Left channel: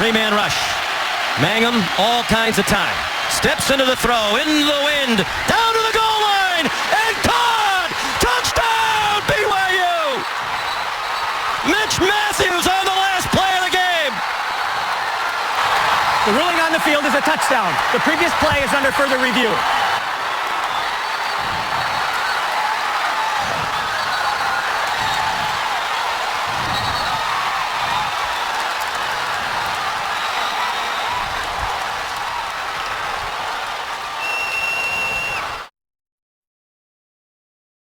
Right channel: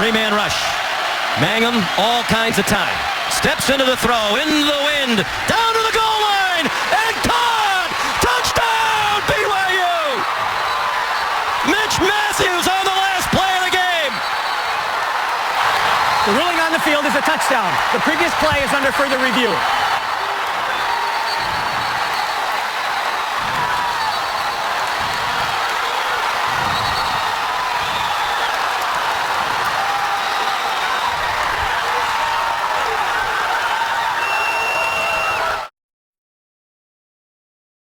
Three-man rush. Mangum, all kinds of time. Steps into the throw, into the wind, down to the goal line, and caught! Touchdown, BYU! Mitch Matthews on the last play of the game. The ruling on the field is a touchdown. The previous play is under further review.